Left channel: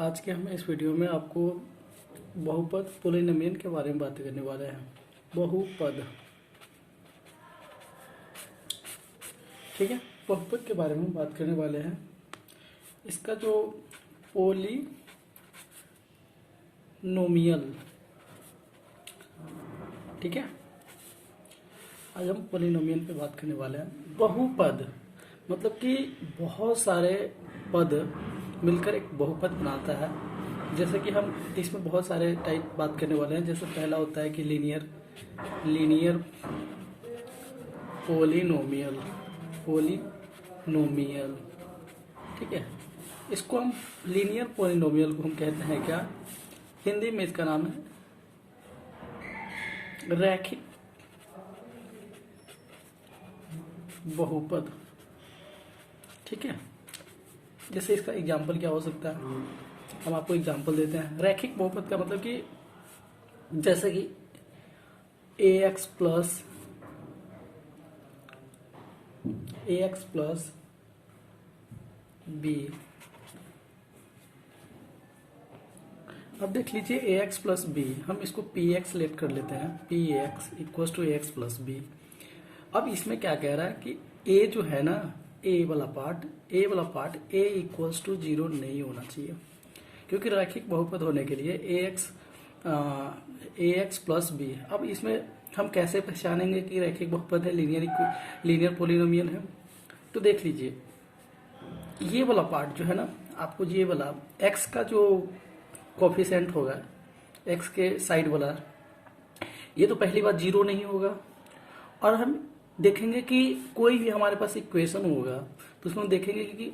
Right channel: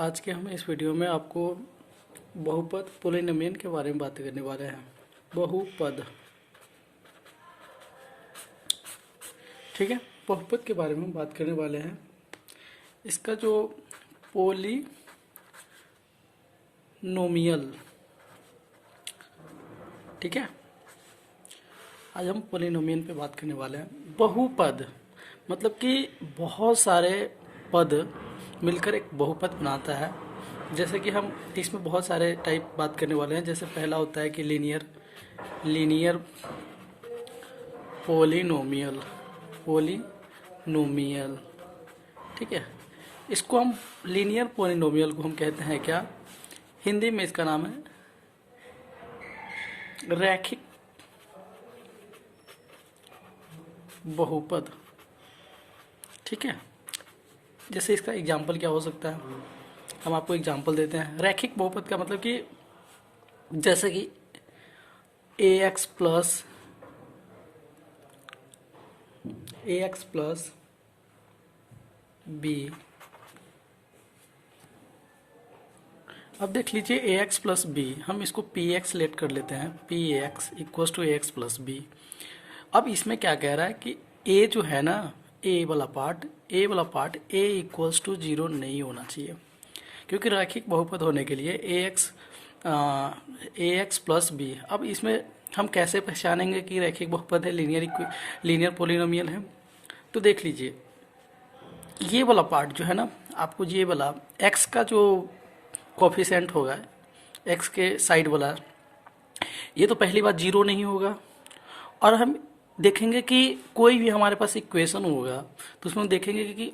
आज के हम इस वीडियो में आपको बहुपद पोलिनोमियल के बारे में बात करने वाले हैं। बहुपद, ठीक है, बहुपद के बारे में बात करने वाले हैं। इसका जो पोलिनोमियल, ठीक है, आज हम पोलिनोमियल पे बात करने वाले हैं। बहुपद मतलब कि बहुत सारे पद मिलकर एक बहुपद बनाता है। जैसे कि हम इसमें बहुत सारे टाइप बात करने वाले हैं। जैसे पहला होता है कि लीनियर पोलिनोमियल, ठीक है। इसको हम लीनियर पोलिनोमियल को हम कहते हैं क्या, हिंदी में इसका नाम है रैखिक बहुपद, ठीक है। जैसे इसका एग्जाम्पल क्या हो सकता है, हम आपको एग्जाम्पल देते हैं। रैखिक बहुपद का मतलब कि जैसे कि ax प्लस b। अब देख लीजिए ax प्लस b, हम इसको px लेट कर लेते हैं। px equals to ax plus b। अब इसमें क्या कह रहा है कि a जो है ना, a वाला पार्ट a इक्वल्स टू 0 नहीं होना चाहिए, क्योंकि रैखिक बहुपद होने के लिए ax प्लस b। अब इसमें हम कैसे पहचानेंगे कि रैखिक बहुपद है, लीनियर पोलिनोमियल है। तो देख लीजिए, ये वाला पार्ट जो है ना, आपको ये वाला x का जो कोफिशिएंट होगा, x के साइड वाला, ये तो पहली बात 0 नहीं होगा। और हम देखेंगे कि कोई भी हमारे पास इक्वेशन होगा तो उसमें देखेंगे कि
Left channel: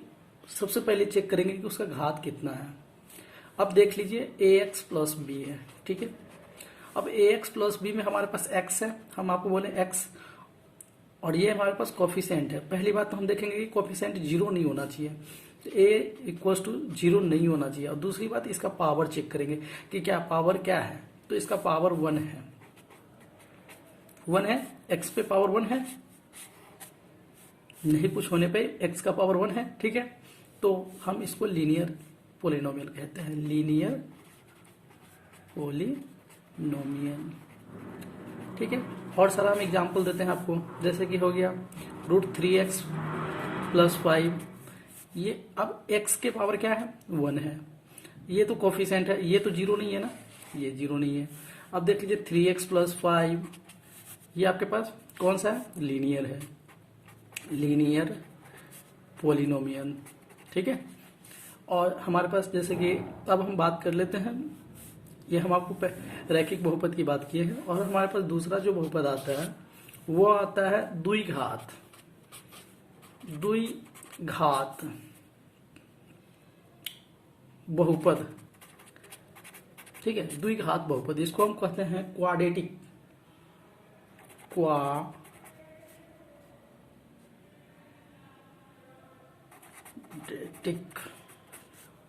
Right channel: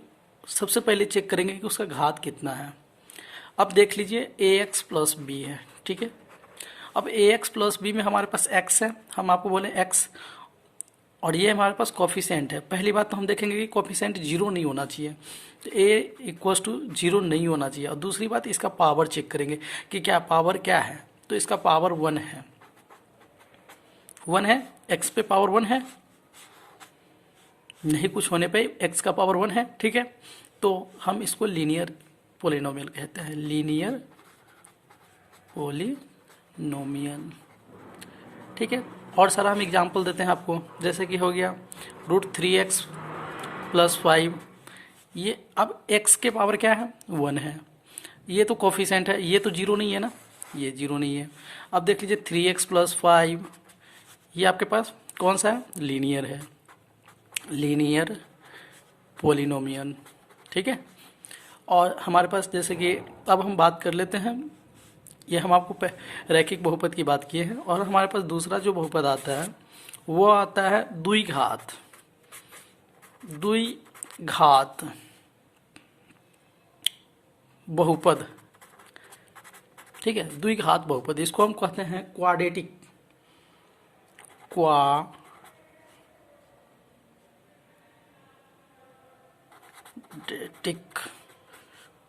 सबसे पहले चेक करेंगे कि उसका घात कितना है। अब देख लीजिए ax प्लस b है, ठीक है। अब ax प्लस b में हमारे पास x है, हम आपको बोले x, और ये हमारे पास कोफिशिएंट है। पहली बात तो हम देखेंगे कि कोफिशिएंट 0 नहीं होना चाहिए, तो a इक्वल्स टू 0 नहीं होना चाहिए। और दूसरी बात, इसका पावर चेक करेंगे कि क्या पावर क्या है, तो इसका पावर 1 है। 1 है, x पे पावर 1 है, नहीं कुछ होने पे x का पावर 1 है, ठीक है। तो हम इसको लीनियर पोलिनोमियल कहते हैं, लीनियर पोलिनोमियल, ठीक है। और सारा हम एग्जांपल देते हैं आपको। जैसे कि हो गया √3x प्लस 5, ये अब x के पावर क्या है, 1 है। ये तो कोफिशिएंट है, ये तो 0 नहीं है ना, ये 0 नहीं है। अब देख लीजिए 3x प्लस 5, ये आपके पास कौन सा है, लीनियर है, लीनियर पोलिनोमियल, ठीक है। और हमारे पास जैसे कि अब हम बात कर लेते हैं, ये हम आपको रैखिक बहुपद की बात किए हैं। और हमारे पास दूसरा जो बहुपद आता है वो आता है द्विघात बहुपद, ठीक है। द्विघात बहुपद, इसको हम कहते हैं क्वाड्रेटिक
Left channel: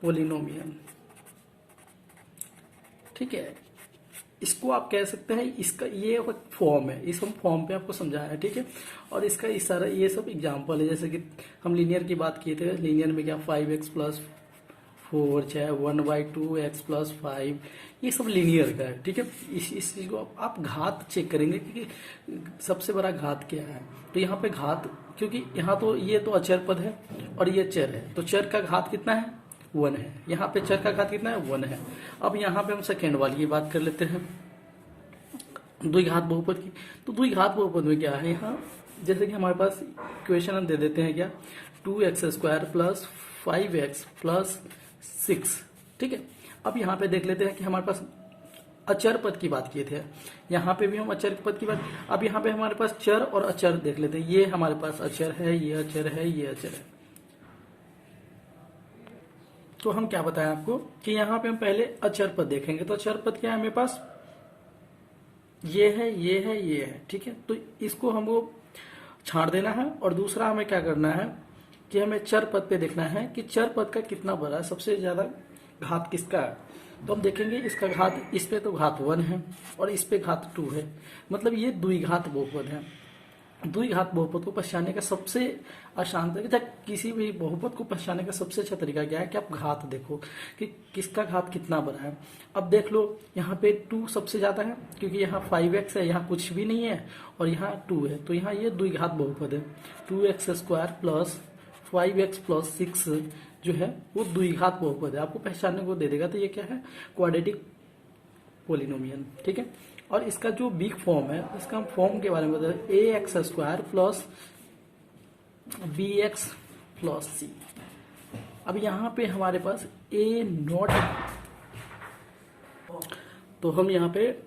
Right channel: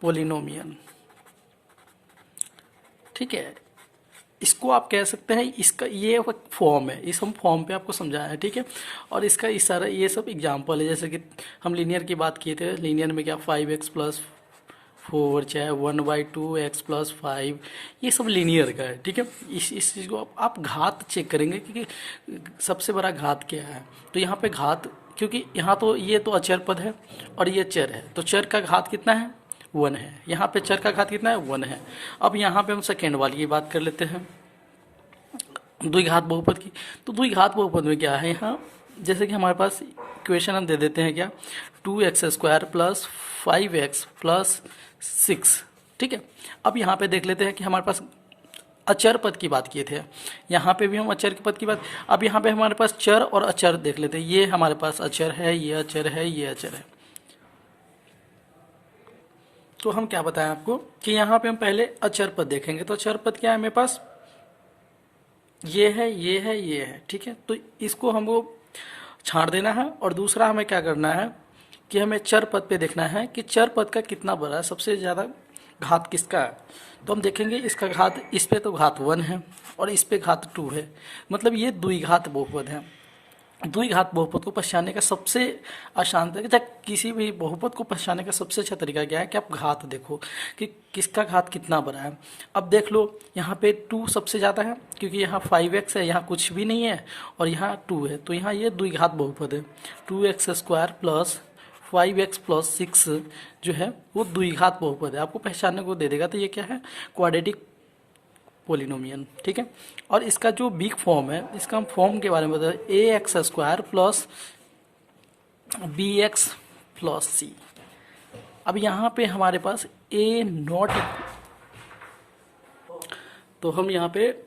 पोलिनोमियल, ठीक है। इसको आप कह सकते हैं, इसका ये फॉर्म है, इस हम फॉर्म पे आपको समझाया है, ठीक है। और इसका इस सारा ये सब एग्जांपल है। जैसे कि हम लीनियर की बात किए थे, लीनियर में क्या 5x प्लस 4, चाहे 1/2x प्लस 5, ये सब लीनियर का है, ठीक है। इस चीज़ को आप घात चेक करेंगे कि सबसे बड़ा घात क्या है। तो यहाँ पे घात, क्योंकि यहाँ तो ये तो अचर पद है और ये चर है, तो चर का घात कितना है, 1 है। यहाँ पे चर का घात कितना है, 1 है। अब यहाँ पे हम सेकेंड वाली की बात कर लेते हैं, द्विघात बहुपद की। तो द्विघात बहुपद में क्या है, यहाँ जैसे कि हमारे पास इक्वेशन हम दे देते हैं क्या, 2x² प्लस 5x प्लस 6, ठीक है। अब यहाँ पे देख लेते हैं कि हमारे पास अचर पद की बात किए थे, यहाँ पे भी हम अचर पद की बात। अब यहाँ पे हमारे पास चर और अचर देख लेते हैं। ये हमारे पास अचर है, ये अचर है, ये अचर है। तो हम क्या बताएं आपको कि यहाँ पे हम पहले अचर पद देखेंगे। तो अचर पद क्या है मेरे पास, ये है, ये है, ये है, ठीक है। तो इसको हमको छांट देना है। और दूसरा हमें क्या करना है कि हमें चर पद पे देखना है कि चर पद का कितना बड़ा है, सबसे ज़्यादा घात किसका है। तो हम देखेंगे इसका घात, इस पे तो घात 1 है और इस पे घात 2 है, मतलब ये द्विघात बहुपद है। द्विघात बहुपद को पहचानने का सबसे आसान तरीका, किसी भी बहुपद को पहचानने का सबसे अच्छा तरीका क्या है कि आप घात देखो कि किसका घात कितना बड़ा है। अब देख लो यहाँ पे 2 सबसे ज़्यादा है क्योंकि यहाँ 5x है, यहाँ कुछ भी नहीं है और यहाँ 2 है, तो यहाँ ये द्विघात बहुपद है। 2x² प्लस 5x प्लस 6 जो है वो द्विघात बहुपद है, आपको पहचानने को दे देगा। तो ये क्या है, क्वाड्रेटिक पोलिनोमियल, ठीक है। और इसका जो बिग फॉर्म है, इसका हम फॉर्म के बारे में बता रहे, ax² plus bx plus c। अब यहाँ पे हमारे पास a नॉट, तो हम यहाँ पे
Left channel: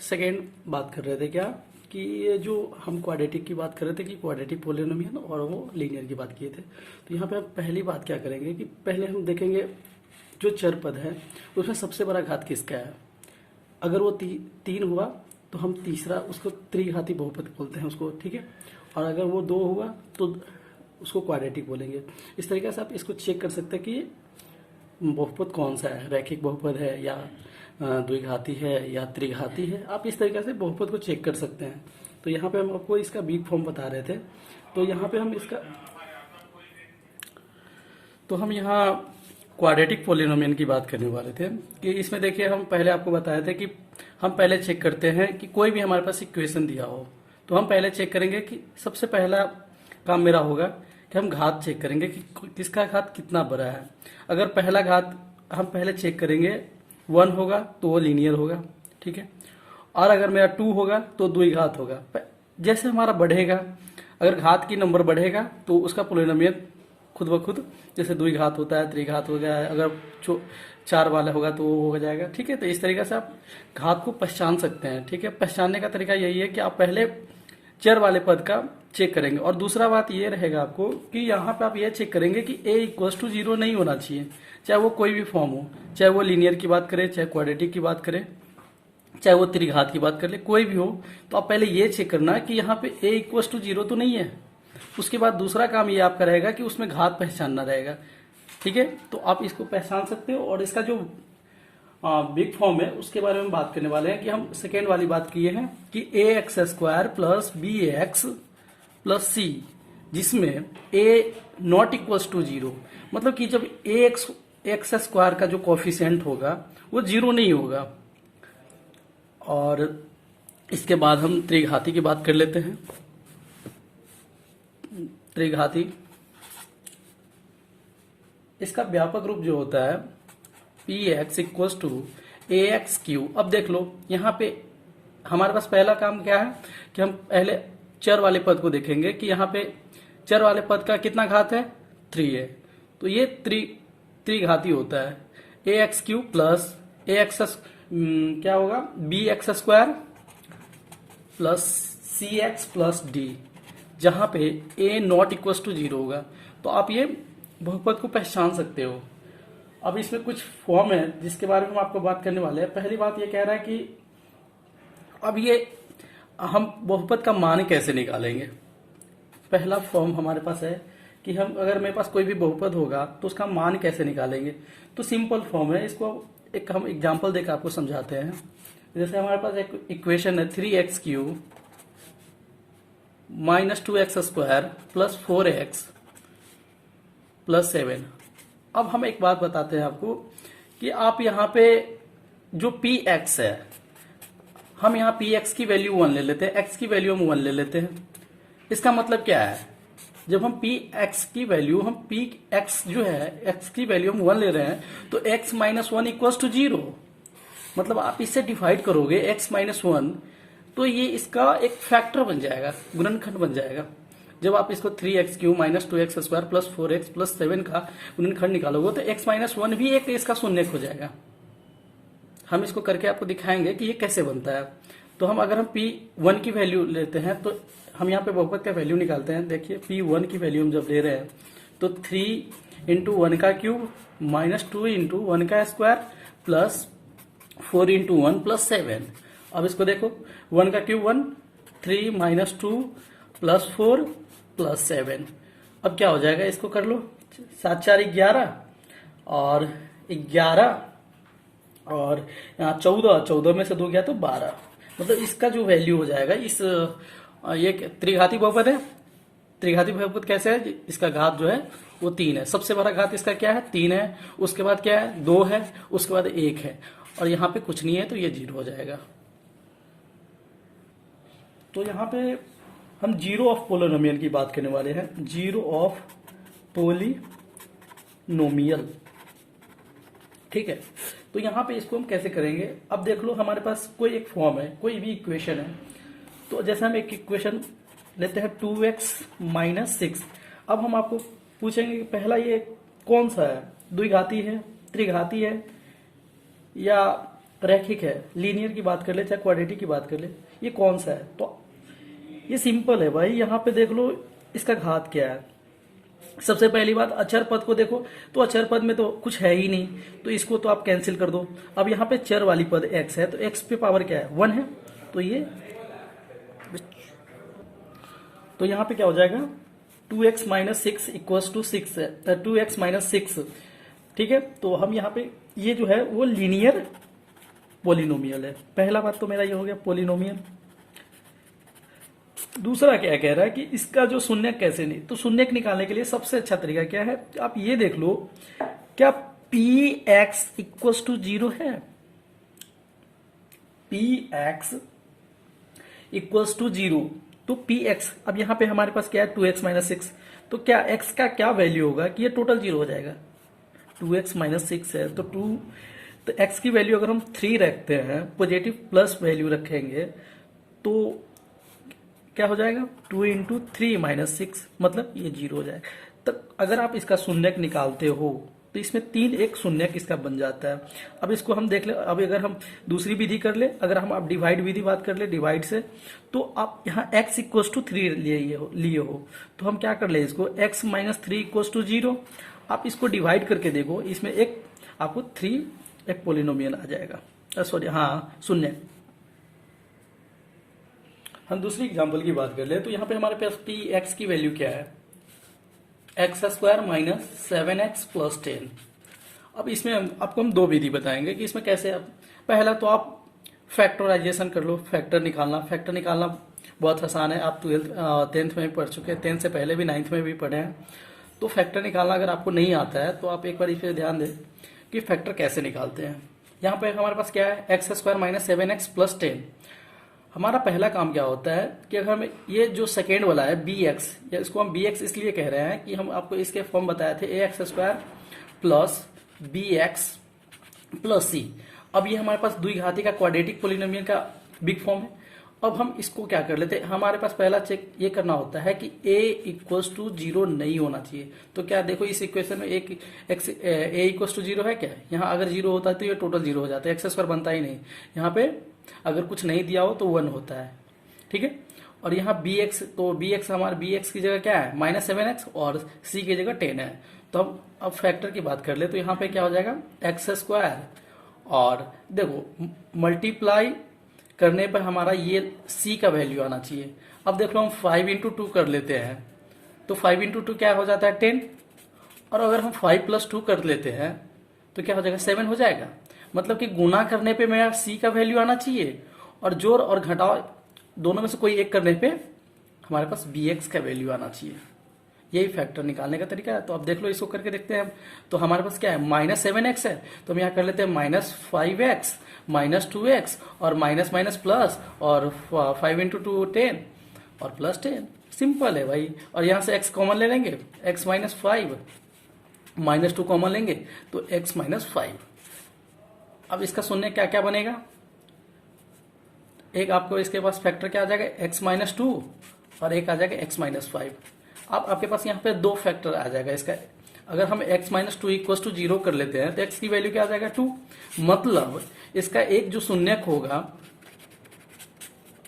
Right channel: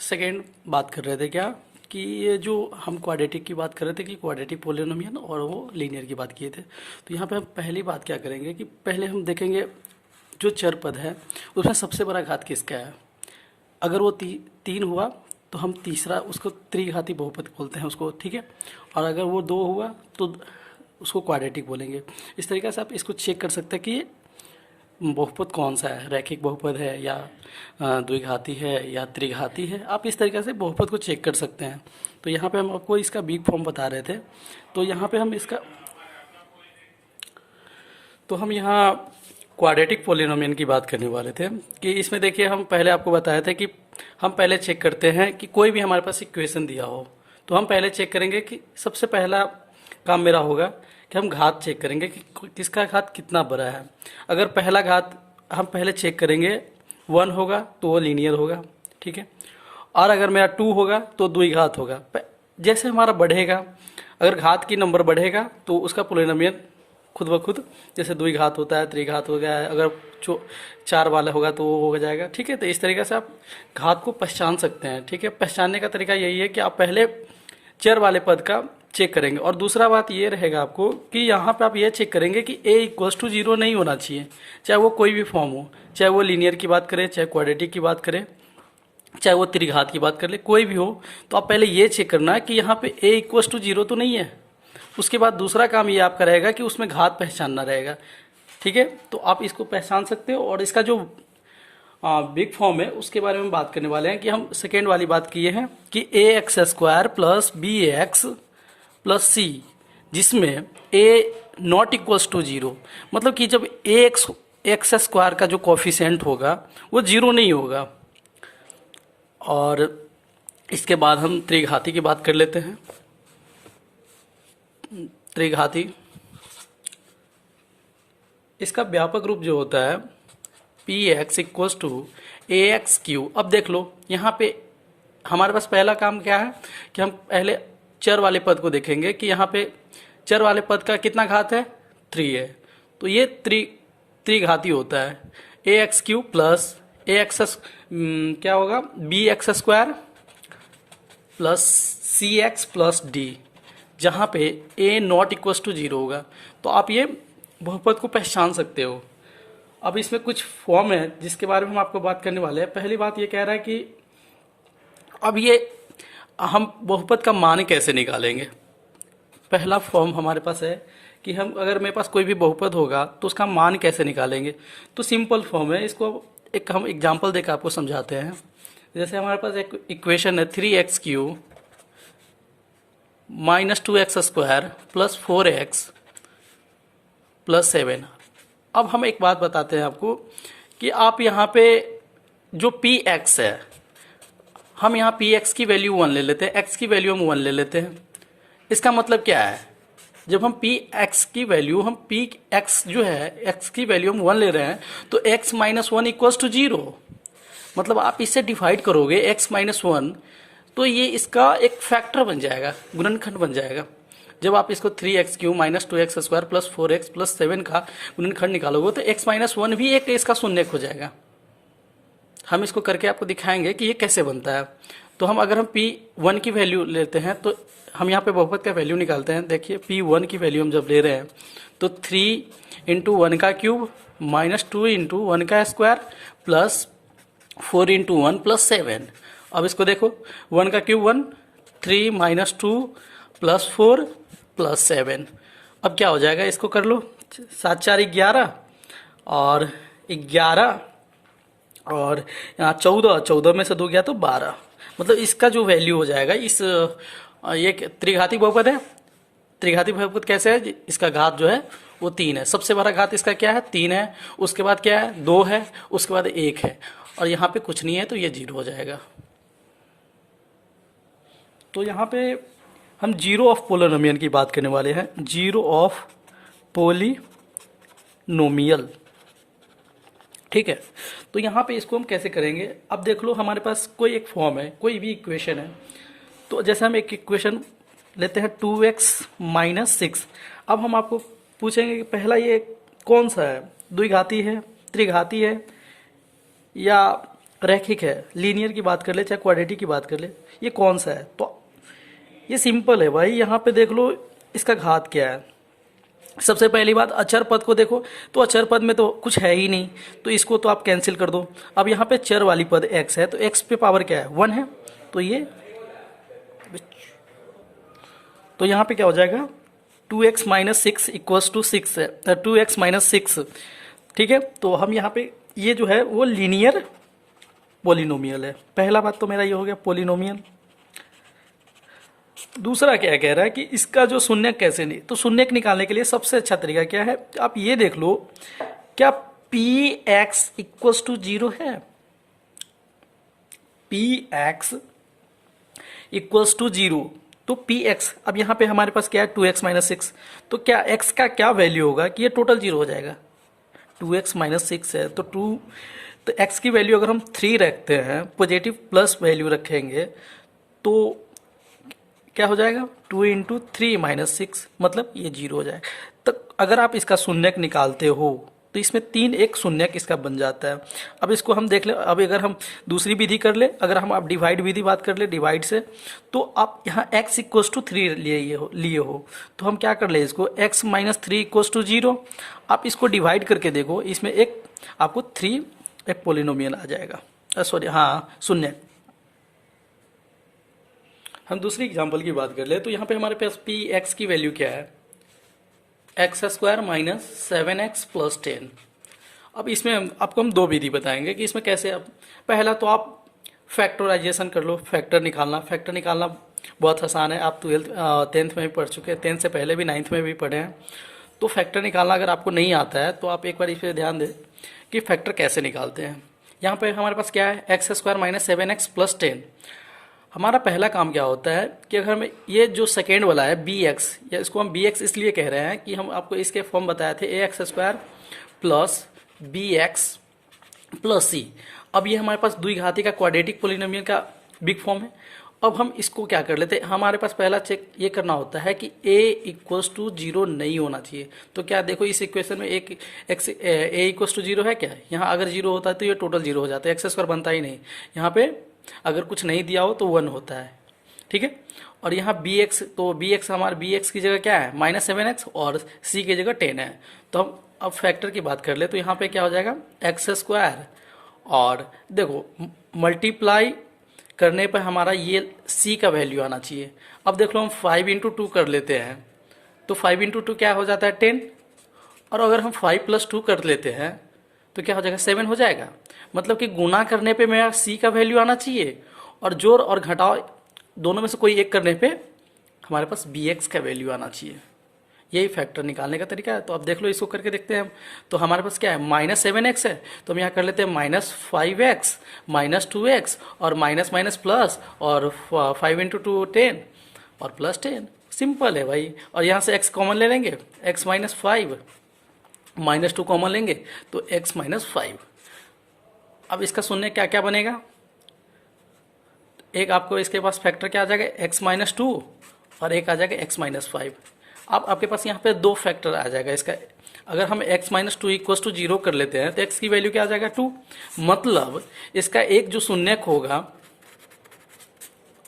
सेकेंड बात कर रहे थे क्या कि ये जो हम क्वाड्रेटिक की बात कर रहे थे कि क्वाड्रेटिक पोलिनोमियल और वो लीनियर की बात किए थे। तो यहाँ पे हम पहली बात क्या करेंगे कि पहले हम देखेंगे जो चर पद है उसमें सबसे बड़ा घात किसका है। अगर वो 3 हुआ तो हम तीसरा उसको त्रिघाती बहुपद बोलते हैं उसको, ठीक है। और अगर वो 2 हुआ तो उसको क्वाड्रेटिक बोलेंगे। इस तरीके से आप इसको चेक कर सकते हैं कि बहुपद कौन सा है, रैखिक बहुपद है या द्विघाती है या त्रिघाती है। आप इस तरीके से बहुपद को चेक कर सकते हैं। तो यहाँ पे हम आपको इसका बिग फॉर्म बता रहे थे। तो यहाँ पे हम इसका, तो हम यहाँ क्वाड्रेटिक पोलिनोमियल की बात करने वाले थे कि इसमें देखिए हम पहले आपको बताया था कि हम पहले चेक करते हैं कि कोई भी हमारे पास इक्वेशन दिया हो तो हम पहले चेक करेंगे कि सबसे पहला काम मेरा होगा कि हम घात चेक करेंगे कि किसका घात कितना बड़ा है। अगर पहला घात हम पहले चेक करेंगे 1 होगा तो वो लीनियर होगा, ठीक है। और अगर मेरा 2 होगा तो द्विघात होगा। जैसे हमारा बढ़ेगा, अगर घात की नंबर बढ़ेगा तो उसका पोलिनोमियल खुद ब खुद, जैसे द्विघात होता है त्रिघात हो गया है, अगर जो 4 वाला होगा तो वो हो जाएगा, ठीक है। तो इस तरीके से आप घात को पहचान सकते हैं, ठीक है। पहचानने का तरीका यही है कि आप पहले चर वाले पद का चेक करेंगे। और दूसरा बात ये रहेगा आपको कि यहाँ पे आप ये चेक करेंगे कि a=0 नहीं होना चाहिए, चाहे वो कोई भी फॉर्म हो, चाहे वो लीनियर की बात करें, चाहे क्वाड्रेटिक की बात करें, चाहे वो त्रिघात की बात कर ले, कोई भी हो। तो आप पहले ये चेक करना है कि यहाँ पे a=0 तो नहीं है। उसके बाद दूसरा काम ये आपका रहेगा कि उसमें घात पहचानना रहेगा, ठीक है। तो आप इसको पहचान सकते हो। और इसका जो बिग फॉर्म है उसके बारे में बात करने वाले हैं कि हम सेकेंड वाली बात किए हैं कि ax² plus bx plus c, जिसमें a≠0, मतलब कि जब x² का जो कोफिशिएंट होगा वो 0 नहीं होगा। और इसके बाद हम त्रिघाती की बात कर लेते हैं। त्रिघाती, इसका व्यापक रूप जो होता है px=ax³। अब देख लो यहाँ पे हमारे पास पहला काम क्या है कि हम पहले चर वाले पद को देखेंगे कि यहाँ पे चर वाले पद का कितना घात है, 3 है। तो ये त्रिघाती होता है। ax³ प्लस क्या होगा, bx² plus cx plus d, जहाँ पे a≠0 होगा। तो आप ये बहुपद को पहचान सकते हो। अब इसमें कुछ फॉर्म है जिसके बारे में हम आपको बात करने वाले हैं। पहली बात ये कह रहा है कि अब ये हम बहुपद का मान कैसे निकालेंगे। पहला फॉर्म हमारे पास है कि हम, अगर मेरे पास कोई भी बहुपद होगा तो उसका मान कैसे निकालेंगे। तो सिंपल फॉर्म है, इसको एक हम एग्जांपल देकर आपको समझाते हैं। जैसे हमारे पास एक इक्वेशन है 3x³ minus 2x² plus 4x plus 7। अब हम एक बात बताते हैं आपको कि आप यहाँ पे जो px है, हम यहाँ px की वैल्यू 1 ले लेते हैं, x की वैल्यू हम 1 ले लेते हैं। इसका मतलब क्या है, जब हम px की वैल्यू, हम px जो है x की वैल्यू हम 1 ले रहे हैं तो x - 1 = 0। मतलब आप इससे डिवाइड करोगे x - 1 तो ये इसका एक फैक्टर बन जाएगा, गुणनखंड बन जाएगा। जब आप इसको 3x³ minus 2x² plus 4x plus 7 का गुणनखंड निकालोगे तो x - 1 भी एक इसका शून्यक हो जाएगा। हम इसको करके आपको दिखाएंगे कि ये कैसे बनता है। तो हम अगर हम p1 की वैल्यू लेते हैं तो हम यहाँ पे बहुपद का वैल्यू निकालते हैं। देखिए p1 की वैल्यू हम जब ले रहे हैं तो 3 × 1 का क्यूब माइनस 2 × 1 का स्क्वायर प्लस 4 × 1 प्लस 7। अब इसको देखो, 1 का क्यूब 1, 3 माइनस 2 प्लस 4 प्लस 7। अब क्या हो जाएगा, इसको कर लो, 7 4 11 और 11 और यहाँ 14 में से 2 गया तो 12। मतलब इसका जो वैल्यू हो जाएगा इस ये त्रिघाती बहुपद है। त्रिघाती बहुपद कैसे है? इसका घात जो है वो 3 है। सबसे बड़ा घात इसका क्या है? 3 है। उसके बाद क्या है? 2 है। उसके बाद 1 है, और यहाँ पे कुछ नहीं है, तो ये 0 हो जाएगा। तो यहाँ पे हम जीरो ऑफ पोलिनोमियल की बात करने वाले हैं। जीरो ऑफ पोलिनोमियल, ठीक है। तो यहाँ पे इसको हम कैसे करेंगे? अब देख लो, हमारे पास कोई एक फॉर्म है, कोई भी इक्वेशन है। तो जैसे हम एक इक्वेशन लेते हैं 2x माइनस 6। अब हम आपको पूछेंगे कि पहला ये कौन सा है? द्विघाती है, त्रिघाती है, या रैखिक है? लीनियर की बात कर ले चाहे क्वाड्रेटिक की बात कर ले, ये कौन सा है? तो ये सिंपल है भाई। यहाँ पे देख लो इसका घात क्या है। सबसे पहली बात, अचर पद को देखो, तो अचर पद में तो कुछ है ही नहीं, तो इसको तो आप कैंसिल कर दो। अब यहाँ पे चर वाली पद x है, तो x पे पावर क्या है? 1 है। तो यहाँ पे क्या हो जाएगा? 2x माइनस 6 इक्वल्स टू 6 है, 2x माइनस 6, ठीक है। तो हम यहाँ पे ये जो है वो लीनियर पोलिनोमियल है। पहला बात तो मेरा ये हो गया पोलिनोमियल। दूसरा क्या कह रहा है कि इसका जो शून्यक कैसे नहीं, तो शून्यक निकालने के लिए सबसे अच्छा तरीका क्या है? आप ये देख लो, क्या px इक्वल्स टू 0 है? px इक्वल्स टू 0, तो px, अब यहाँ पे हमारे पास क्या है? 2x माइनस 6, तो क्या x का क्या वैल्यू होगा कि ये टोटल 0 हो जाएगा? 2x माइनस 6 है, तो तो x की वैल्यू अगर हम 3 रखते हैं, पॉजिटिव प्लस वैल्यू रखेंगे, तो क्या हो जाएगा? 2 इंटू 3 माइनस 6, मतलब ये 0 हो जाएगा। तो अगर आप इसका शून्यक निकालते हो तो इसमें 3 एक शून्यक इसका बन जाता है। अब इसको हम देख ले, अब अगर हम दूसरी विधि कर ले, अगर हम आप डिवाइड विधि बात कर ले, डिवाइड से, तो आप यहाँ x इक्वल्स टू 3 लिए हो, तो हम क्या कर ले इसको, x माइनस 3 इक्वल्स टू 0। आप इसको डिवाइड करके देखो, इसमें एक आपको 3 एक पोलिनोमियल आ जाएगा, सॉरी हाँ शून्यक। हम दूसरी एग्जाम्पल की बात कर ले, तो यहाँ पे हमारे पास पी एक्स की वैल्यू क्या है? X square minus 7x plus 10। अब इसमें आपको हम दो विधि बताएंगे कि इसमें कैसे। अब पहला तो आप फैक्टराइजेशन कर लो, फैक्टर निकालना बहुत आसान है। आप 10th में भी पढ़ चुके हैं, 10th से पहले भी 9th में भी पढ़े हैं। तो फैक्टर निकालना अगर आपको नहीं आता है तो आप एक बार इस पर ध्यान दें कि फैक्टर कैसे निकालते हैं। यहाँ पे हमारे पास क्या है? X square minus 7x plus 10। हमारा पहला काम क्या होता है कि अगर हमें ये जो सेकेंड वाला है बी एक्स, या इसको हम बी एक्स इसलिए कह रहे हैं कि हम आपको इसके फॉर्म बताए थे A x square plus B x plus C. अब ये हमारे पास द्विघाती का क्वाड्रेटिक पोलिनोमियल का बिग फॉर्म है। अब हम इसको क्या कर लेते हैं, हमारे पास पहला चेक ये करना होता है कि a इक्वल्स टू 0 नहीं होना चाहिए। तो क्या देखो इस इक्वेशन में एक एक्स a इक्वल्स टू 0 है क्या? यहाँ अगर 0 होता है तो ये टोटल 0 हो जाता है, एक्स स्क्वायर बनता ही नहीं। यहाँ पे अगर कुछ नहीं दिया हो तो 1 होता है, ठीक है। और यहाँ bx, तो bx हमारे bx की जगह क्या है? माइनस 7x, और c की जगह 10 है। तो हम अब फैक्टर की बात कर ले, तो यहाँ पे क्या हो जाएगा? एक्स स्क्वायर, और देखो मल्टीप्लाई करने पर हमारा ये c का वैल्यू आना चाहिए। अब देख लो हम 5 इंटू 2 कर लेते हैं, तो 5 इंटू 2 क्या हो जाता है? 10। और अगर हम 5 प्लस 2 कर लेते हैं तो क्या हो जाएगा? 7 हो जाएगा। मतलब कि गुना करने पे मेरा c का वैल्यू आना चाहिए, और जोड़ और घटाव दोनों में से कोई एक करने पे हमारे पास bx का वैल्यू आना चाहिए। यही फैक्टर निकालने का तरीका है। तो अब देख लो, इसको करके देखते हैं हम। तो हमारे पास क्या है? माइनस 7x है, तो हम यहाँ कर लेते हैं माइनस 5x माइनस 2x, और माइनस माइनस प्लस, और 5 इंटू 2 10, और प्लस 10। सिंपल है भाई। और यहाँ से x कॉमन ले लेंगे, x माइनस 5 माइनस 2 कॉमन लेंगे, तो x माइनस 5। अब इसका शून्य क्या क्या बनेगा? एक आपको इसके पास फैक्टर क्या आ जाएगा? x माइनस 2, और एक आ जाएगा x माइनस 5। अब आपके पास यहाँ पे दो फैक्टर आ जाएगा इसका। अगर हम x माइनस 2 इक्वल्स टू 0 कर लेते हैं तो x की वैल्यू क्या आ जाएगा? 2। मतलब इसका एक जो शून्यक होगा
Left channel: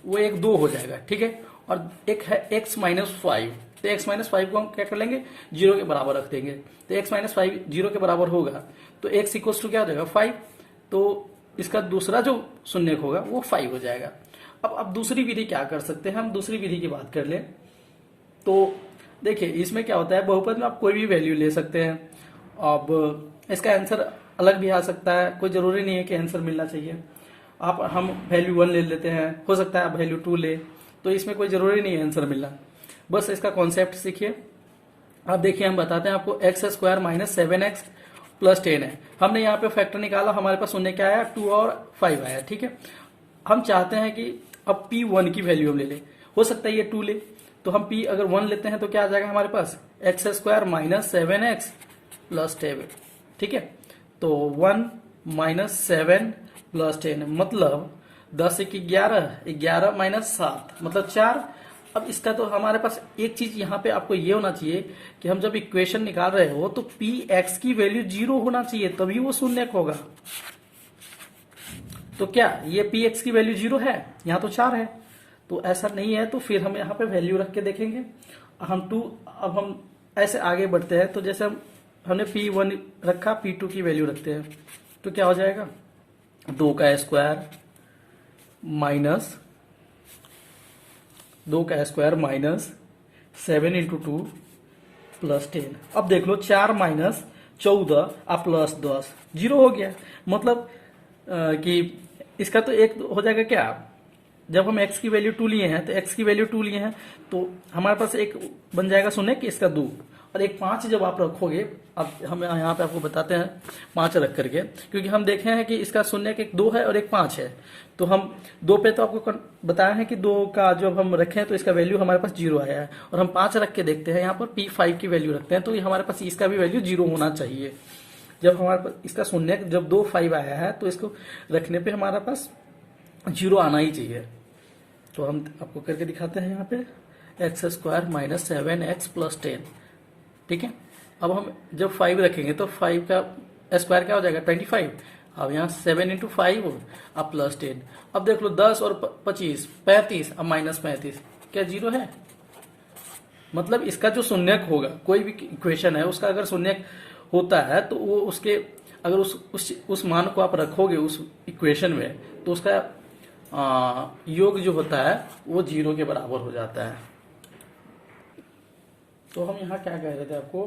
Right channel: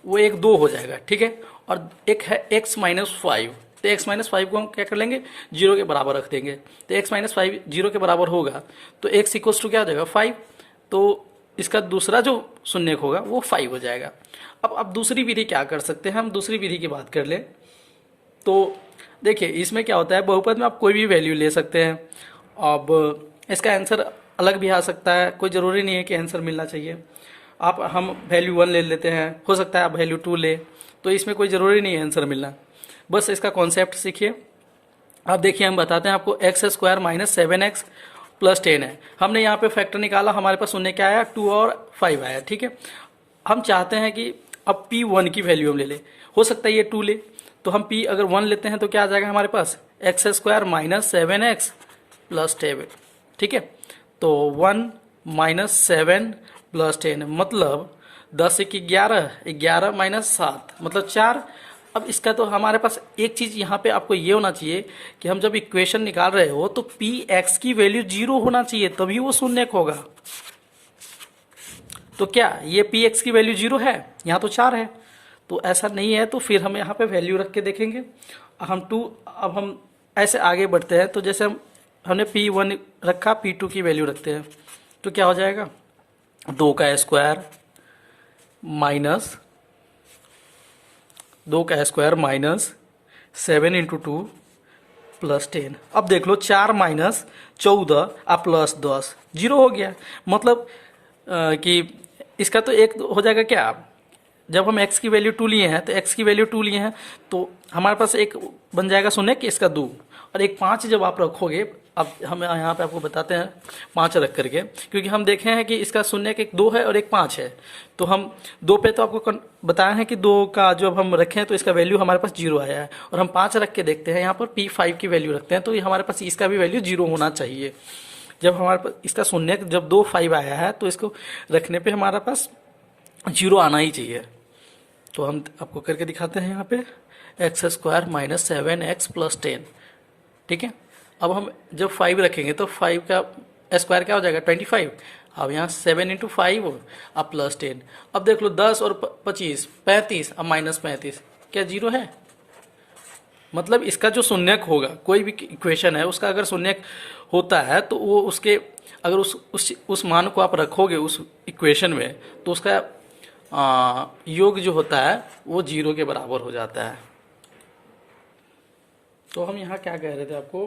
वो एक 2 हो जाएगा, ठीक है। और एक है x माइनस 5, तो x माइनस 5 को हम क्या कर लेंगे? 0 के बराबर रख देंगे। तो x माइनस 5 0 के बराबर होगा, तो x इक्वल्स टू क्या हो जाएगा? 5। तो इसका दूसरा जो शून्यक होगा वो 5 हो जाएगा। अब दूसरी विधि क्या कर सकते हैं? हम दूसरी विधि की बात कर लें, तो देखिए इसमें क्या होता है, बहुपद में आप कोई भी वैल्यू ले सकते हैं। अब इसका आंसर अलग भी आ सकता है, कोई ज़रूरी नहीं है कि आंसर मिलना चाहिए। हम वैल्यू 1 ले लेते हैं, हो सकता है आप वैल्यू 2 ले, तो इसमें कोई ज़रूरी नहीं है आंसर मिलना, बस इसका कॉन्सेप्ट सीखिए। अब देखिए हम बताते हैं आपको x square minus 7x plus 10 है। हमने यहाँ पे फैक्टर निकाला, हमारे पास शून्य क्या आया 2 और 5 आया, ठीक है। हम चाहते हैं कि अब P1 की वैल्यू हम ले लें, हो सकता है ये 2 ले, तो हम P अगर 1 लेते हैं तो क्या आ जाएगा हमारे पास x square minus 7x plus 10, ठीक है। तो 1 माइनस 7 प्लस 10 मतलब 10 एक 11, 11 माइनस 7 मतलब 4। अब इसका तो हमारे पास एक चीज यहाँ पे आपको ये होना चाहिए कि हम जब इक्वेशन निकाल रहे हो तो पी एक्स की वैल्यू 0 होना चाहिए, तभी वो शून्य होगा। तो क्या ये पी एक्स की वैल्यू 0 है? यहाँ तो 4 है, तो ऐसा नहीं है, तो फिर हम यहाँ पे वैल्यू रख के देखेंगे। अब हम ऐसे आगे बढ़ते हैं, तो जैसे हमने P1 रखा, P2 की वैल्यू रखते हैं, तो क्या हो जाएगा 2 का स्क्वायर माइनस 2 का स्क्वायर माइनस 7 इंटू 2 प्लस 10। अब देख लो 4 माइनस 14 प्लस 10 0 हो गया, मतलब कि इसका तो एक हो जाएगा क्या, जब हम x की वैल्यू 2 लिए हैं तो x की वैल्यू 2 लिए हैं तो हमारे पास एक बन जाएगा शून्य कि इसका 2, और एक 5 जब आप रखोगे, अब हम यहाँ पे आपको बताते हैं 5 रख करके, क्योंकि हम देखे हैं कि इसका शून्य एक 2 है और एक 5 है, तो हम 2 पे तो आपको बताया है कि 2 का जब हम रखें तो इसका वैल्यू हमारे पास 0 आया है, और हम 5 रख के देखते हैं यहाँ पर P5 की वैल्यू रखते हैं तो ये हमारे पास इसका भी वैल्यू 0 होना चाहिए। जब हमारे पास इसका शून्य जब 2 5 आया है तो इसको रखने पे हमारे पास 0 आना ही चाहिए। तो हम आपको करके दिखाते हैं यहाँ पे x square minus 7x plus 10, ठीक है। अब हम जब 5 रखेंगे तो 5 का स्क्वायर क्या हो जाएगा 25, अब यहाँ 7 इंटू 5 अब प्लस 10। अब देख लो 10 और 25 35, अब माइनस 35, क्या 0 है? मतलब इसका जो शून्यक होगा, कोई भी इक्वेशन है उसका अगर शून्यक होता है तो वो उसके अगर उस मान को आप रखोगे उस इक्वेशन में तो उसका योग जो होता है वो 0 के बराबर हो जाता है। तो हम यहाँ क्या कह रहे थे आपको,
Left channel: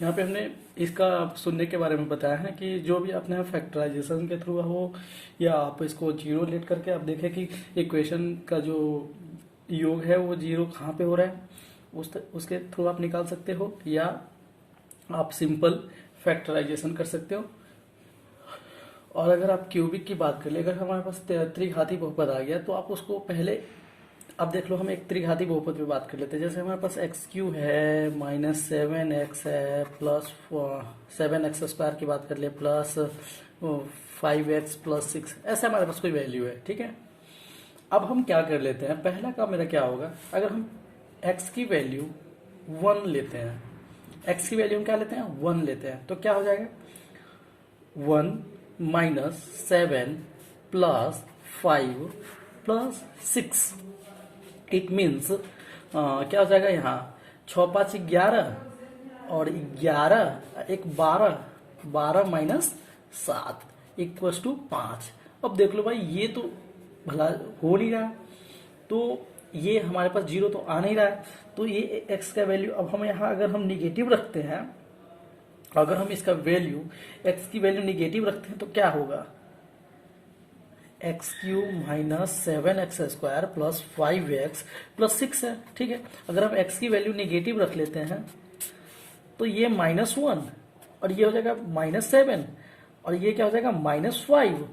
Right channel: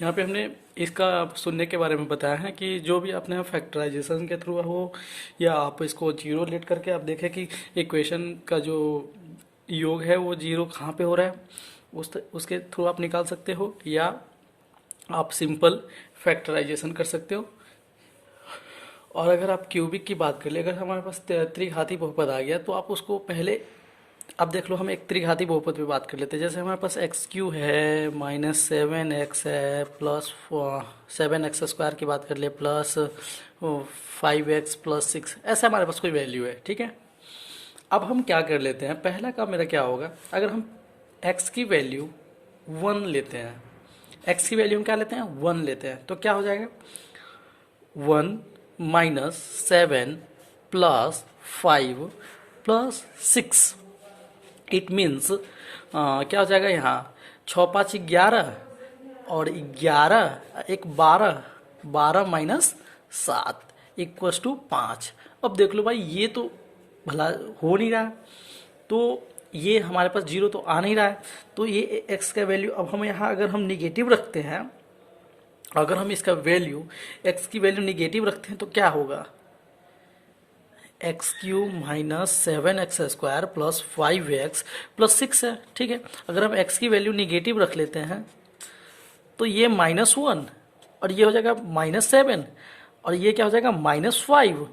यहाँ पे हमने इसका शून्य के बारे में बताया है कि जो भी आपने फैक्टराइजेशन के थ्रू हो या आप इसको 0 लेट करके आप देखें कि इक्वेशन का जो योग है वो 0 कहाँ पे हो रहा है, उसके थ्रू आप निकाल सकते हो, या आप सिंपल फैक्टराइजेशन कर सकते हो। और अगर आप क्यूबिक की बात कर ले, अगर हमारे पास त्रिघाती बहुपद आ गया तो आप उसको पहले, अब देख लो हम एक त्रिघाती बहुपद पे बात कर लेते हैं। जैसे हमारे पास एक्स क्यू है माइनस 7x है प्लस 7x स्क्वायर की बात कर ले प्लस 5x प्लस 6, ऐसा हमारे पास कोई वैल्यू है, ठीक है। अब हम क्या कर लेते हैं, पहला काम मेरा क्या होगा, अगर हम x की वैल्यू 1 लेते हैं, x की वैल्यू क्या लेते हैं 1 लेते हैं, तो क्या हो जाएगा 1 minus 7 plus 5 plus 6, it means क्या हो जाएगा यहाँ 6 5 11 और 11 एक 12, 12 माइनस 7 इक्वल्स टू 5। अब देख लो भाई ये तो भला हो नहीं रहा, तो ये हमारे पास 0 तो आ नहीं रहा है, तो ये x का वैल्यू, अब हम यहाँ अगर हम निगेटिव रखते हैं, अगर हम इसका वैल्यू x की वैल्यू निगेटिव रखते हैं तो क्या होगा x cube minus 7x square plus 5x plus 6 है, ठीक है। अगर हम x की वैल्यू निगेटिव रख लेते हैं तो ये -1 और ये हो जाएगा -7 और ये क्या हो जाएगा -5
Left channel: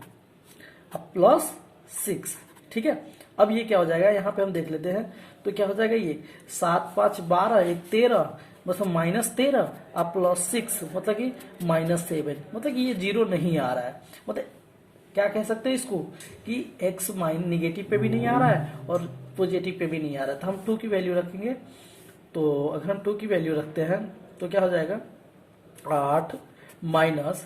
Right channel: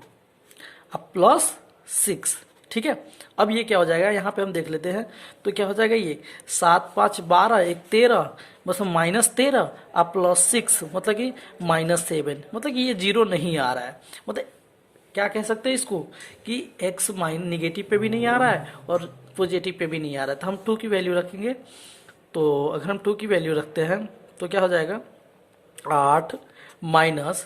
अब प्लस 6, ठीक है। अब ये क्या हो जाएगा, यहाँ पे हम देख लेते हैं तो क्या हो जाएगा, ये 7 5 12 एक 13, बस -13 अब प्लस 6 मतलब कि -7, मतलब कि ये 0 नहीं आ रहा है। मतलब क्या कह सकते हैं इसको कि x माइन निगेटिव पे भी नहीं आ रहा है और पॉजिटिव पे भी नहीं आ रहा है, तो हम 2 की वैल्यू रखेंगे। तो अगर हम 2 की वैल्यू रखते हैं तो क्या हो जाएगा 8 माइनस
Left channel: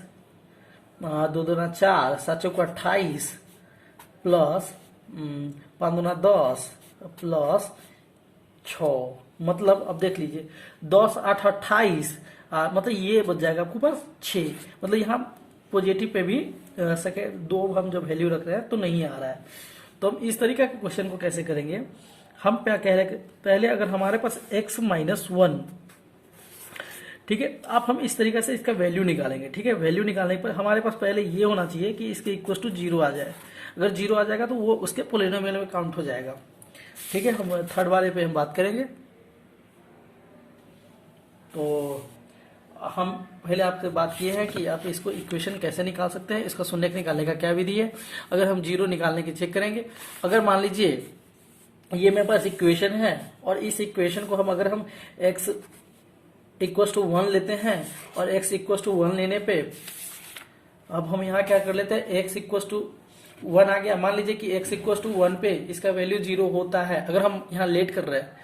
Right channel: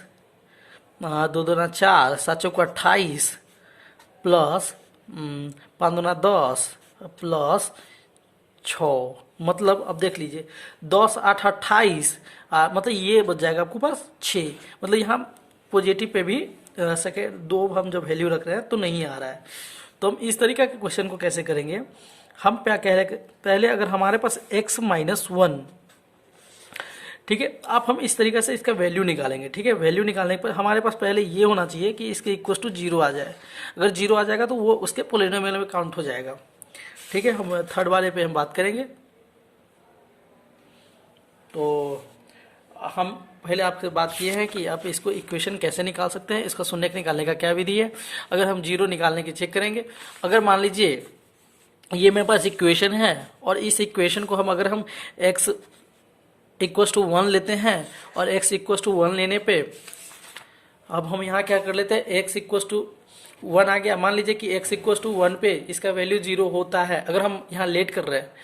2 दूना 4 7 चौका 28 प्लस 5 दूना 10 प्लस 6, मतलब अब देख लीजिए 10 8 28, मतलब ये बच जाएगा आपके पास 6, मतलब यहाँ पॉजिटिव पे भी सेकेंड 2 हम जब वैल्यू रख रहे हैं तो नहीं आ रहा है। तो हम इस तरीके के क्वेश्चन को कैसे करेंगे, हम क्या कह रहे हैं, पहले अगर हमारे पास x माइनस 1, ठीक है, आप हम इस तरीके से इसका वैल्यू निकालेंगे, ठीक है। वैल्यू निकालने पर हमारे पास पहले ये होना चाहिए कि इसके इक्वल टू 0 आ जाए, अगर 0 आ जाएगा तो वो उसके पॉलिनोमियल में काउंट हो जाएगा। ठीक है, हम थर्ड वाले पे हम बात करेंगे। तो हम पहले आपसे बात किए हैं कि आप इसको इक्वेशन कैसे निकाल सकते हैं, इसका शून्य निकालने का क्या विधि है। अगर हम जीरो निकालने की चेक करेंगे, अगर मान लीजिए ये मेरे पास इक्वेशन है और इस इक्वेशन को हम अगर हम x इक्वस टू 1 लेते हैं और x इक्वस टू 1 लेने पे अब हम यहाँ क्या कर लेते हैं, x इक्वस टू 1 आ गया। मान लीजिए कि x इक्वस टू 1 पे इसका वैल्यू 0 होता है, अगर हम यहाँ लेट कर रहे हैं,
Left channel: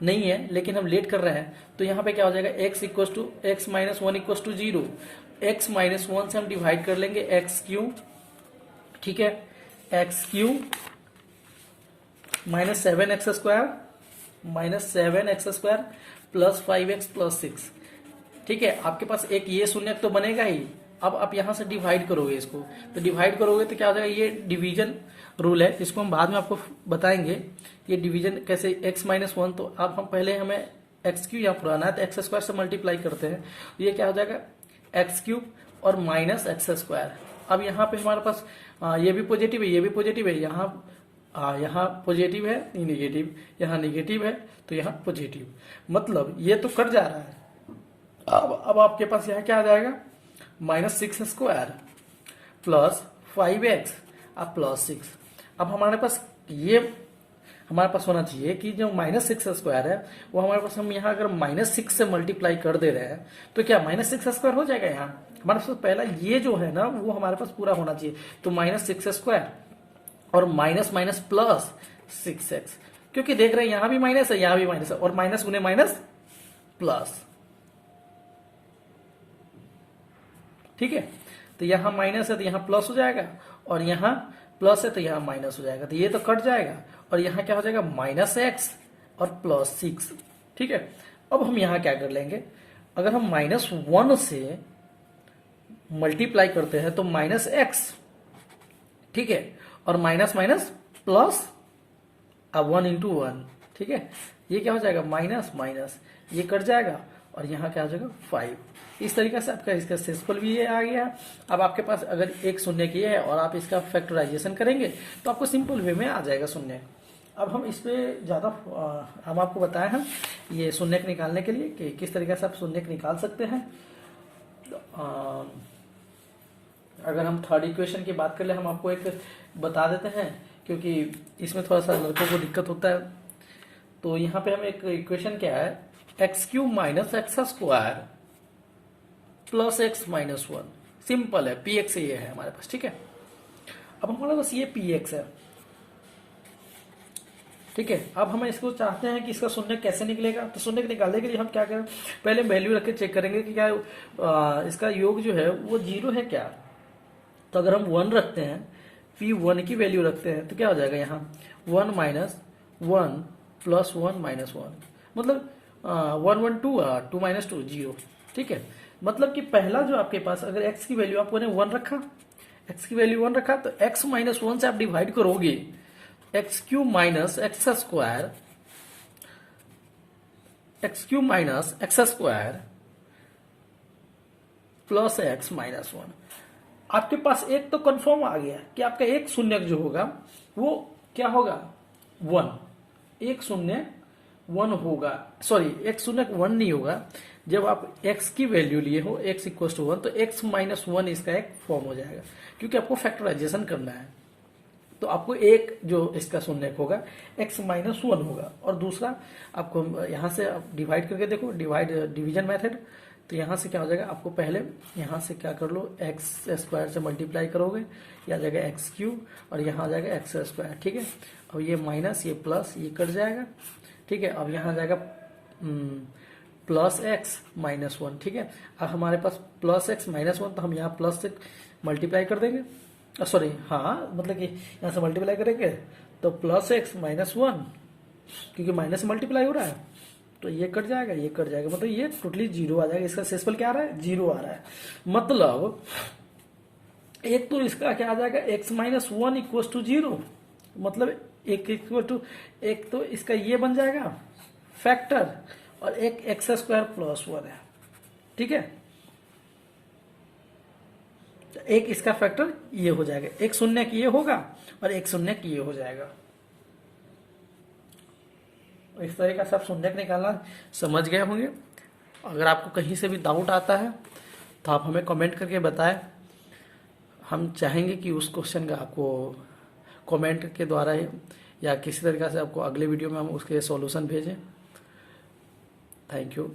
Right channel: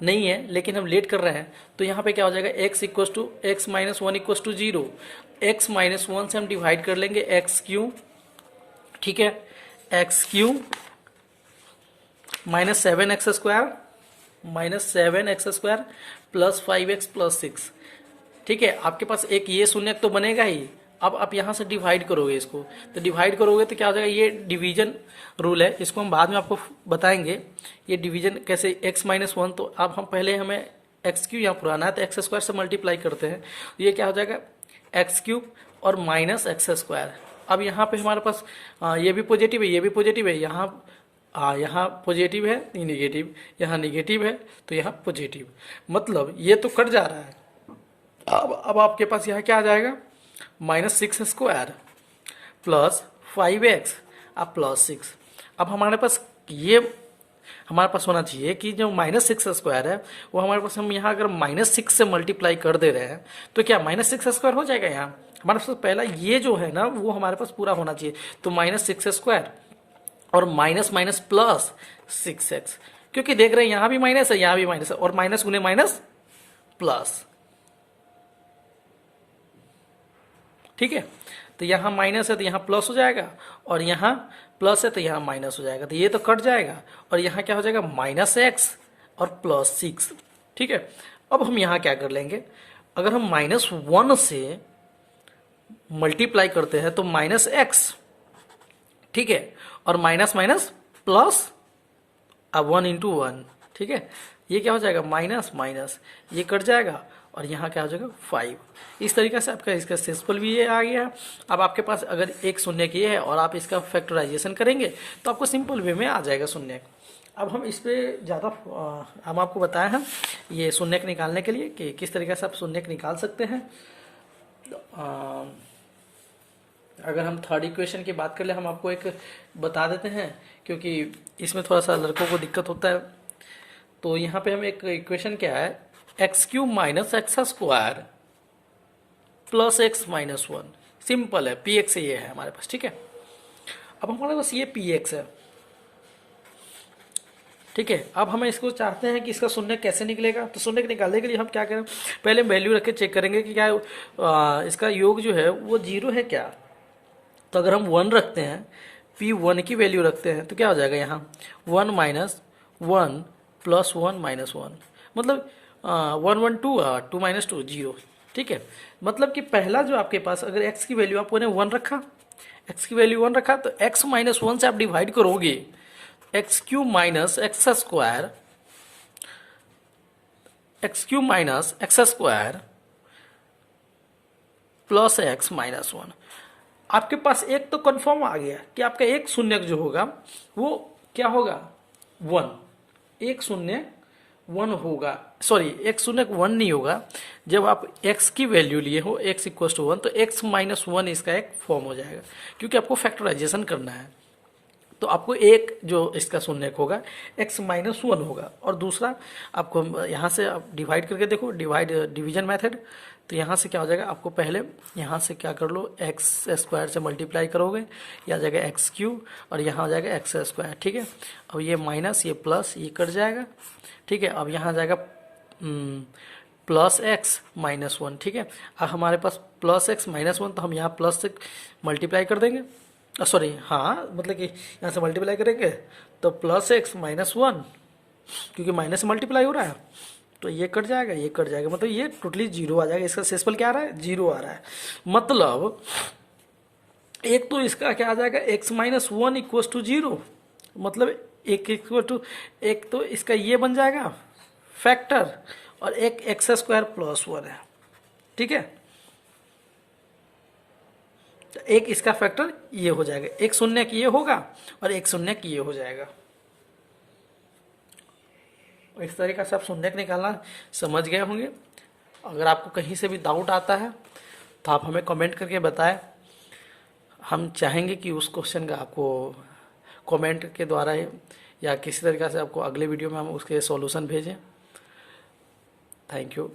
नहीं है लेकिन हम लेट कर रहे हैं, तो यहाँ पे क्या हो जाएगा, x equals to X minus 1 equals to 0, X minus 1 से हम डिवाइड कर लेंगे एक्स क्यू, ठीक है, x Q minus 7x square plus 5x plus 6, ठीक है। आपके पास एक ये शून्य तो बनेगा ही। अब आप यहाँ से डिवाइड करोगे इसको, तो डिवाइड करोगे तो क्या हो जाएगा, ये डिवीजन रूल है, इसको हम बाद में आपको बताएंगे ये डिवीजन कैसे। x माइनस 1, तो अब हम पहले हमें एक्स क्यू यहाँ पुराना है तो एक्स स्क्वायर से मल्टीप्लाई करते हैं, तो ये क्या हो जाएगा एक्स क्यूब और माइनस एक्स स्क्वायर। अब यहाँ पे हमारे पास ये भी पॉजिटिव है, ये भी पॉजिटिव है, यहाँ पॉजिटिव है, निगेटिव, यहाँ निगेटिव है तो यहाँ पॉजिटिव, मतलब ये तो कट जा रहा है। अब आपके पास यहाँ क्या आ जाएगा, माइनस 6 स्क्वायर प्लस 5x अब प्लस 6। अब हमारे पास ये हमारे पास होना चाहिए कि जो माइनस 6 स्क्वायर है वो हमारे पास, हम यहाँ अगर माइनस 6 से मल्टीप्लाई कर दे रहे हैं तो क्या माइनस 6 स्क्वायर हो जाएगा। यहाँ हमारे पास पहला ये जो है ना वो हमारे पास पूरा होना चाहिए, तो माइनस 6 स्क्वायर और माइनस माइनस प्लस 6x, क्योंकि देख रहे हैं यहाँ भी माइनस है यहाँ भी माइनस है, और माइनस गुने माइनस प्लस, ठीक है। तो यहाँ माइनस है तो यहाँ प्लस हो जाएगा, और यहाँ प्लस है तो यहाँ माइनस हो जाएगा, तो ये तो कट जाएगा, और यहाँ क्या हो जाएगा माइनस एक्स और प्लस 6, ठीक है। अब हम यहाँ क्या कर लेंगे, अगर हम माइनस 1 से मल्टीप्लाई करते हैं तो माइनस एक्स, ठीक है, और माइनस माइनस प्लस अब 1 इंटू 1, ठीक है, ये क्या हो जाएगा माइनस माइनस, ये कट जाएगा, और यहाँ क्या हो जाएगा 5। इस तरीके से आपका इसका सिंपल भी ये आ गया। अब आपके पास अगर एक शून्य की है और आप इसका फैक्टराइजेशन करेंगे तो आपको सिंपल वे में आ जाएगा शून्य। अब हम इस पे ज़्यादा हम आपको बताए हैं ये शून्य निकालने के लिए कि किस तरीके से आप शून्य निकाल सकते हैं। अगर हम थर्ड इक्वेशन की बात कर ले, हम आपको एक बता देते हैं क्योंकि इसमें थोड़ा सा लड़कों को दिक्कत होता है। तो यहाँ पे हम एक इक्वेशन क्या है, x cube minus x square plus x minus 1, simple है, पी एक्स ये है हमारे पास, ठीक है। अब हमारे पास ये पी एक्स है, ठीक है। अब हमें इसको चाहते हैं कि इसका शून्य कैसे निकलेगा, तो शून्य निकालने के लिए हम क्या करें, पहले वैल्यू रख के चेक करेंगे कि क्या इसका योग जो है वो 0 है क्या। तो अगर हम 1 रखते हैं, P1 की वैल्यू रखते हैं तो क्या हो जाएगा यहाँ 1 माइनस 1 प्लस 1 माइनस 1, मतलब 1 1 2 2 माइनस 2 0, ठीक है। मतलब कि पहला जो आपके पास अगर x की वैल्यू आपने 1 रखा, x की वैल्यू 1 रखा तो x माइनस 1 से आप डिवाइड करोगे, x Q minus x square, x Q minus x square plus x minus 1। आपके पास एक तो कंफर्म आ गया कि आपका एक शून्य जो होगा वो क्या होगा 1, एक शून्य 1 होगा, सॉरी एक शून्य 1 नहीं होगा। जब आप x की वैल्यू लिए हो x इक्वल टू 1 तो x माइनस 1 इसका एक फॉर्म हो जाएगा, क्योंकि आपको फैक्टराइजेशन करना है। तो आपको एक जो इसका शून्य होगा x माइनस 1 होगा, और दूसरा आपको यहाँ से आप डिवाइड करके देखो, डिवीजन मेथड। तो यहाँ से क्या हो जाएगा, आपको पहले यहाँ से क्या कर लो, एक्स स्क्वायर से मल्टीप्लाई करोगे, यह आ जाएगा एक्स क्यूब और यहाँ आ जाएगा एक्स स्क्वायर, ठीक है। अब ये माइनस ये प्लस ये कट जाएगा, ठीक है। अब यहाँ आ जाएगा प्लस एक्स माइनस 1, ठीक है। अब हमारे पास प्लस एक्स माइनस 1, तो हम यहाँ प्लस से मल्टीप्लाई कर देंगे, सॉरी हाँ, मतलब कि यहाँ से मल्टीप्लाई करेंगे तो प्लस एक्स माइनस 1, क्योंकि माइनस मल्टीप्लाई हो रहा है तो ये कट जाएगा, ये कट जाएगा, मतलब ये टोटली 0 आ जाएगा। इसका शेषफल क्या आ रहा है 0 आ रहा है, मतलब एक तो इसका क्या आ जाएगा x माइनस 1 इक्वल टू 0, मतलब एक इक्वल टू एक तो इसका ये बन जाएगा फैक्टर, और एक एक्स स्क्वायर प्लस 1 है, ठीक है। तो एक इसका फैक्टर ये हो जाएगा, एक शून्य की ये होगा और एक शून्य की ये हो जाएगा। इस तरीके से आप शून्यक निकालना समझ गए होंगे। अगर आपको कहीं से भी डाउट आता है तो आप हमें कमेंट करके बताएं। हम चाहेंगे कि उस क्वेश्चन का आपको कमेंट के द्वारा या किसी तरीके से आपको अगले वीडियो में हम उसके सॉल्यूशन भेजें। Thank you.